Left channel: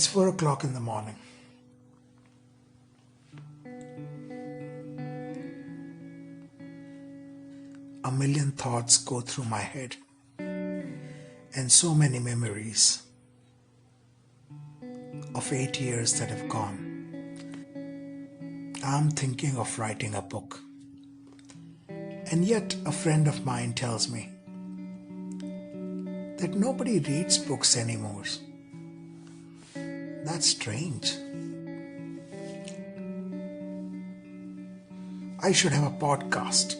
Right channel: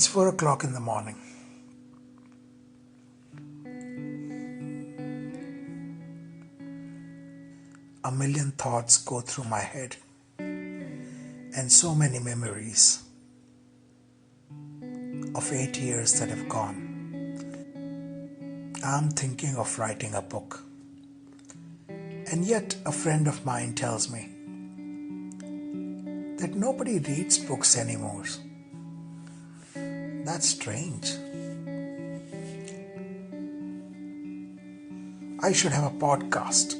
It's 4 o'clock in the morning. A million thoughts go through my head and so many memories of 8 years that have gone. I'm thinking of writing a book. And yet a friend of mine tells me that nobody reads books anymore. That's strange. I should have a podcast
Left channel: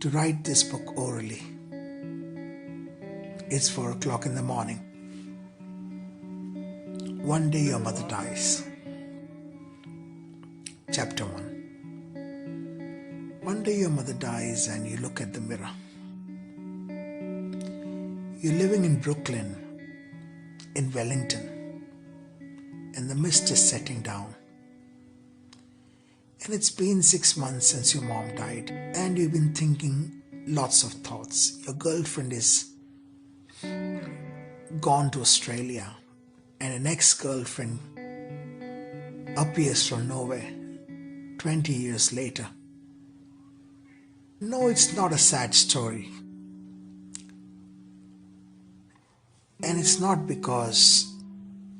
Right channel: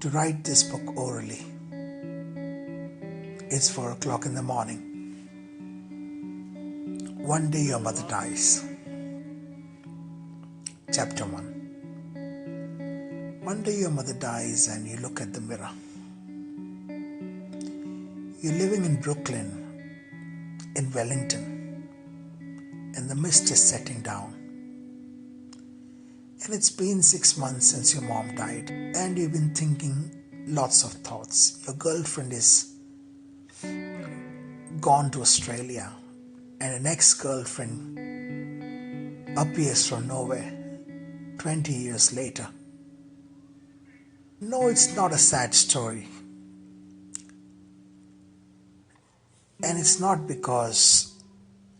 to write this book orally. It's 4 o'clock in the morning. One day your mother dies. Chapter 1. One day your mother dies and you look at the mirror. You're living in Brooklyn, in Wellington, and the mist is setting down. And it's been 6 months since your mom died, and you've been thinking lots of thoughts. Your girlfriend is gone to Australia, and an ex-girlfriend appears from nowhere 20 years later. No, it's not a sad story. And it's not because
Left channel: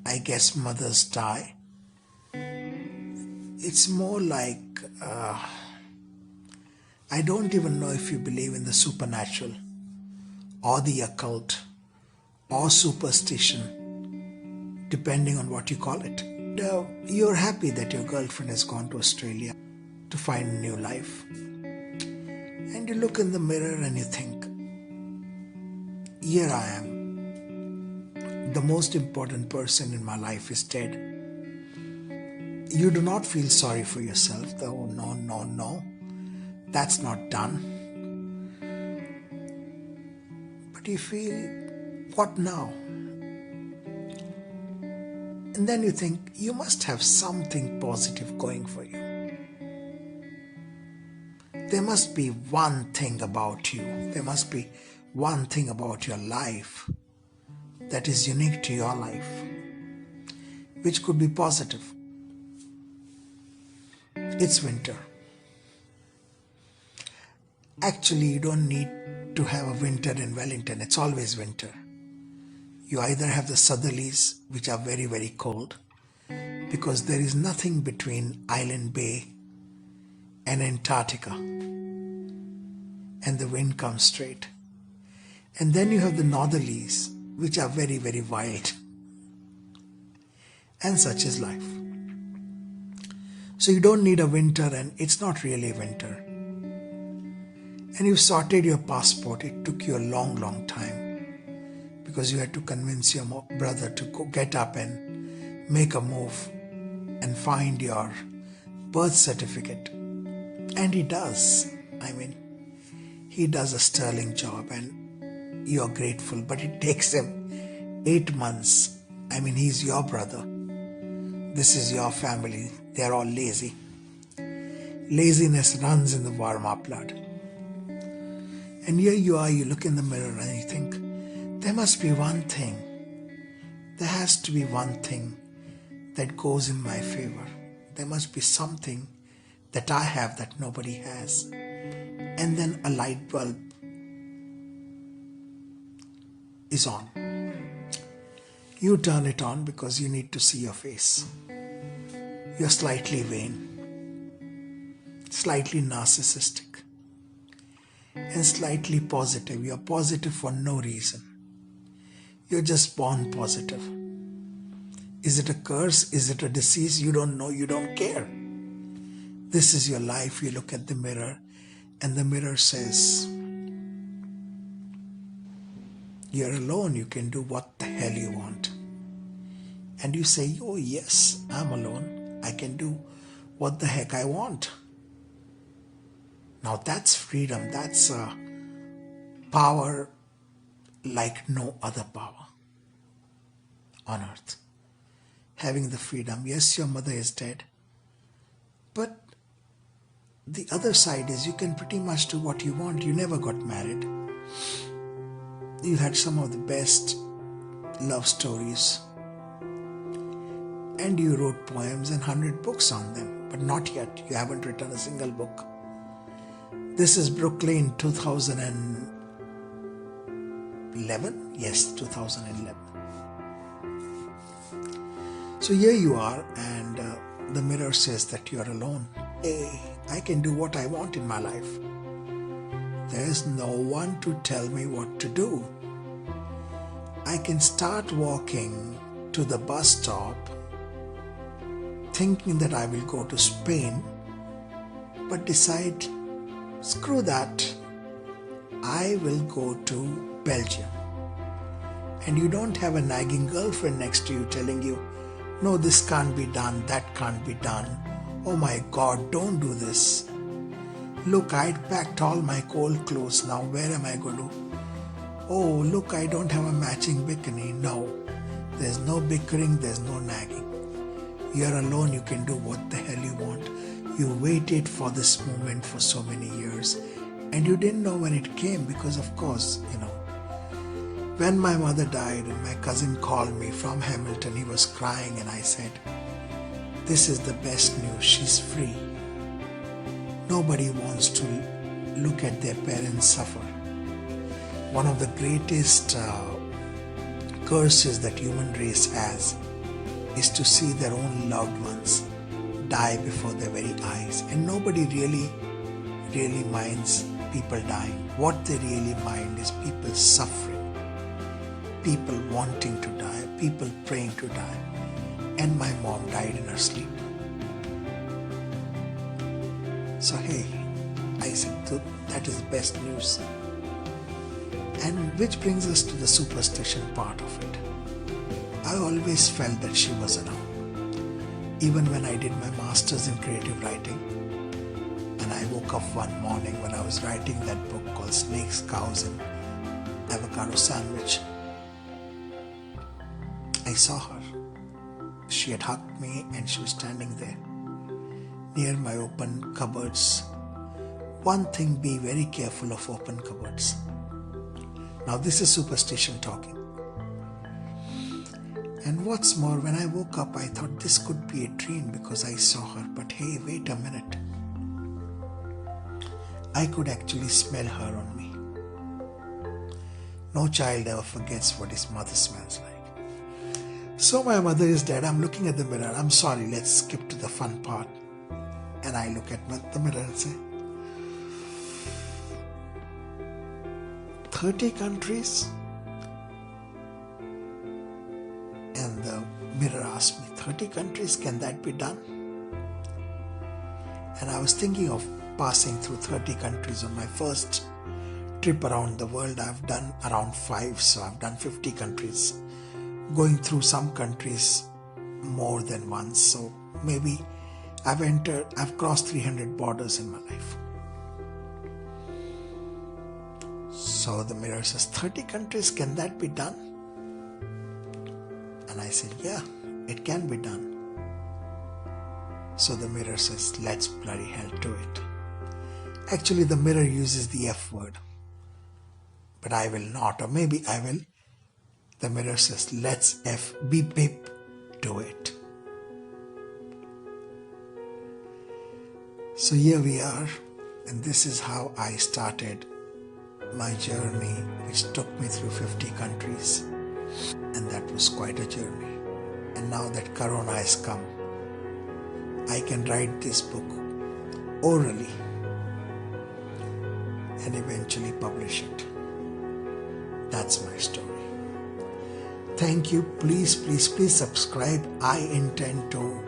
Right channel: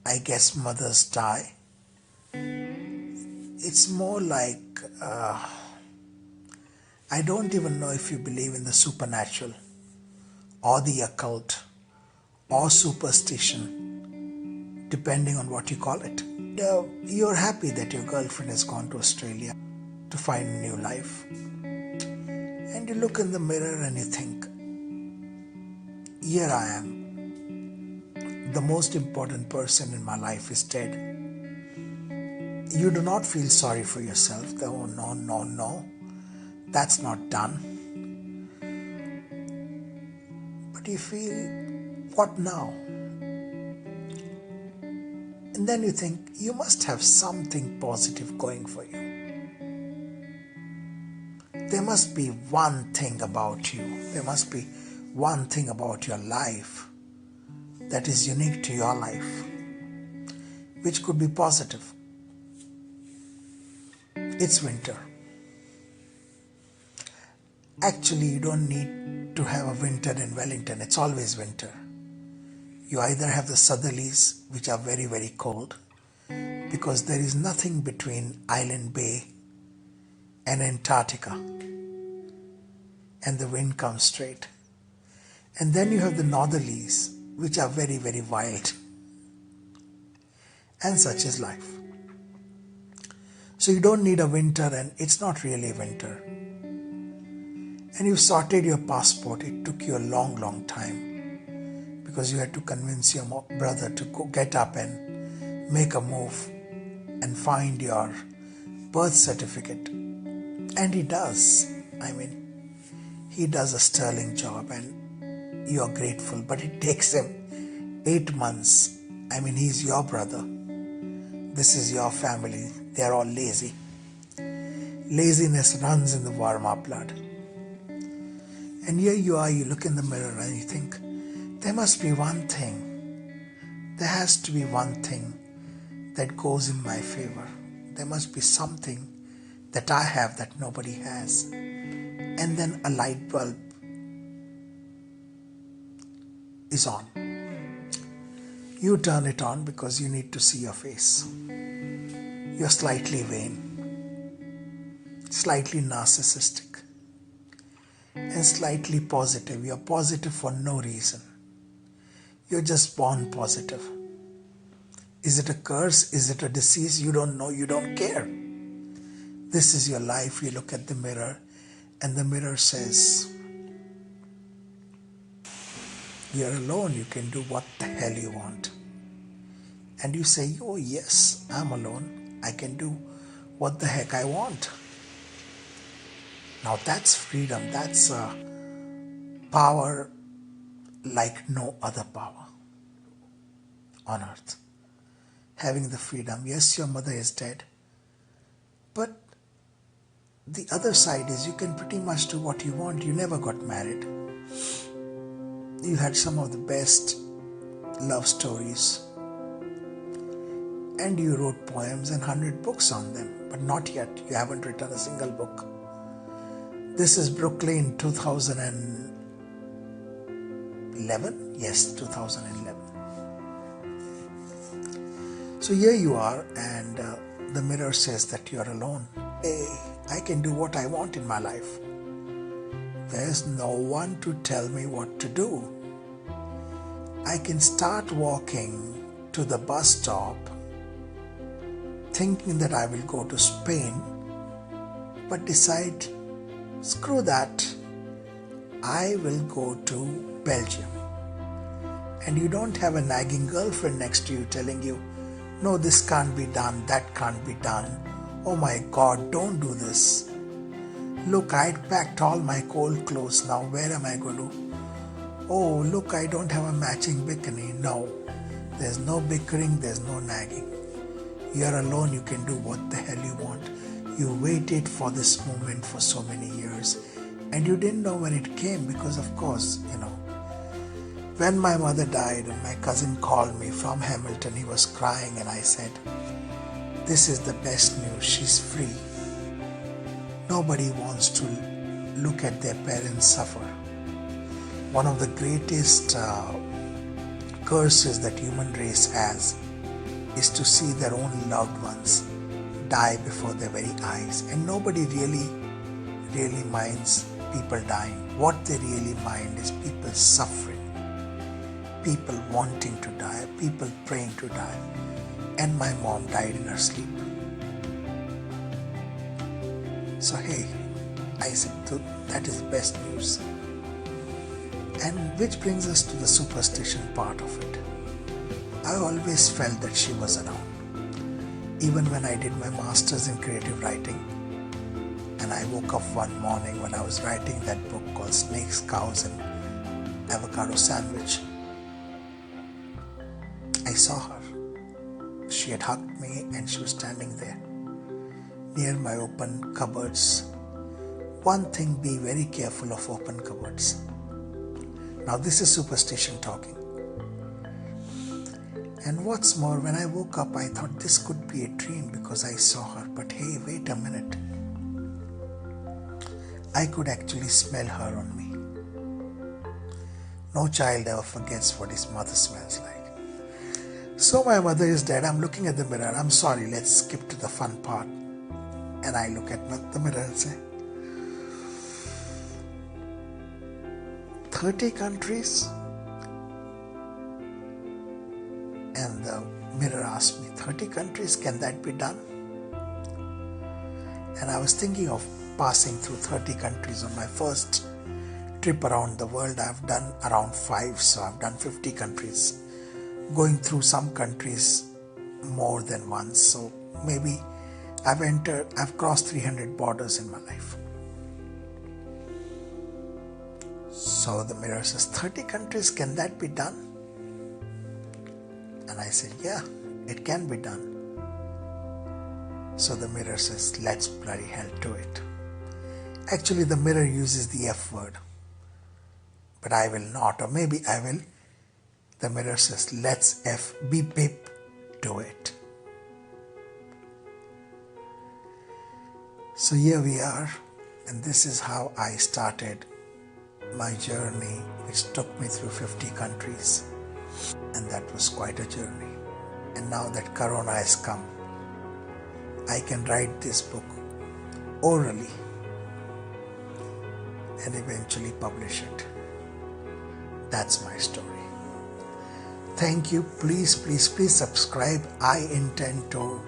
I guess mothers die. It's more like, I don't even know if you believe in the supernatural or the occult or superstition, depending on what you call it. You're happy that your girlfriend has gone to Australia to find a new life. And you look in the mirror and you think, here I am. The most important person in my life is dead. You do not feel sorry for yourself. Oh, no. That's not done. But you feel, what now? And then you think, you must have something positive going for you. There must be one thing about you. There must be one thing about your life that is unique to your life, which could be positive. It's winter. Actually, you don't need to have a winter in Wellington. It's always winter. You either have the southerlies, which are very, very cold, because there is nothing between Island Bay and Antarctica, and the wind comes straight. And then you have the northerlies, which are very, very wild. And such is life. So you don't need a winter, and it's not really winter. And you sorted your passport. It took you a long, long time because you had to convince your brother to go get up and make a move and find your birth certificate. And he does. He does a sterling job and you are grateful, but it takes him 8 months. He's your brother. This is your family. They are all lazy. Laziness runs in the Varma blood. And here you are, you look in the mirror and you think, there must be one thing. There has to be one thing that goes in my favor. There must be something that I have that nobody has. And then a light bulb is on. You turn it on because you need to see your face. You're slightly vain, slightly narcissistic, and slightly positive. You're positive for no reason. You're just born positive. Is it a curse? Is it a disease? You don't know. You don't care. This is your life. You look at the mirror and the mirror says, you're alone. You can do what the hell you want. And you say, oh yes, I'm alone. I can do what the heck I want. Now that's freedom. That's a power like no other power on earth. Having the freedom. Yes, your mother is dead. But the other side is you can pretty much do what you want. You never got married. You had some of the best love stories. And you wrote poems and 100 books on them, but not yet. You haven't written a single book. This is Brooklyn 2011? Yes, 2011. So here you are, and the mirror says that you are alone. Hey, I can do what I want in my life. There's no one to tell me what to do. I can start walking to the bus stop thinking that I will go to Spain, but decide, screw that, I will go to Belgium. And you don't have a nagging girlfriend next to you telling you, no, this can't be done, that can't be done. Oh my God, don't do this. Look, I'd packed all my cold clothes, now where am I going to? Oh, look, I don't have a matching bikini. No, there's no bickering, there's no nagging. You're alone, you can do what the hell you want. You waited for this moment for so many years, and you didn't know when it came because, of course, when my mother died and my cousin called me from Hamilton, he was crying, and I said, this is the best news, she's free. Nobody wants to look at their parents suffer. One of the greatest curses that human race has is to see their own loved ones die before their very eyes. And nobody really minds people dying. What they really mind is people suffering, people wanting to die, people praying to die. And my mom died in her sleep. So hey, I said, that is the best news. And which brings us to the superstition part of it. I always felt that she was around. Even when I did my master's in creative writing, and I woke up one morning when I was writing that book called Snakes, Cows and Avocado Sandwich, I saw her. She had hugged me and she was standing there near my open cupboards. One thing, be very careful of open cupboards. Now this is superstition talking. And what's more, when I woke up, I thought this could be a dream because I saw her. But hey, wait a minute. I could actually smell her on me. No child ever forgets what his mother smells like. So my mother is dead. I'm looking at the mirror. I'm sorry, let's skip to the fun part. And I look at the mirror and say, 30 countries? And the mirror asked me, 30 countries, can that be done? And I was thinking of passing through 30 countries on my first trip around the world. I've done around 5, so I've done 50 countries. Going through some countries more than once, so maybe I've crossed 300 borders in my life. So the mirror says, 30 countries, can that be done? And I said, yeah, it can be done. So the mirror says, let's bloody hell do it. Actually, the mirror uses the F word, but I will not, or maybe I will. The mirror says, let's beep beep do it. So here we are, and this is how I started my journey, which took me through 50 countries. And that was quite a journey. And now that Corona has come, I can write this book orally and eventually publish it. That's my story. Thank you. Please subscribe. I intend to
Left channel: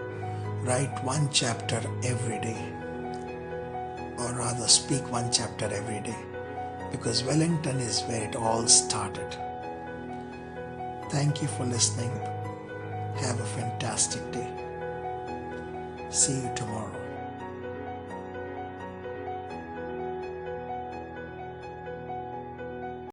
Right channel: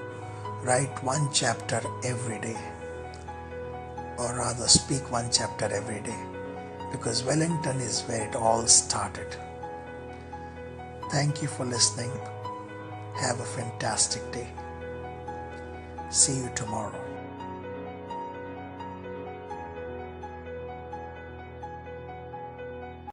write one chapter every day, or rather speak one chapter every day, because Wellington is where it all started. Thank you for listening. Have a fantastic day. See you tomorrow.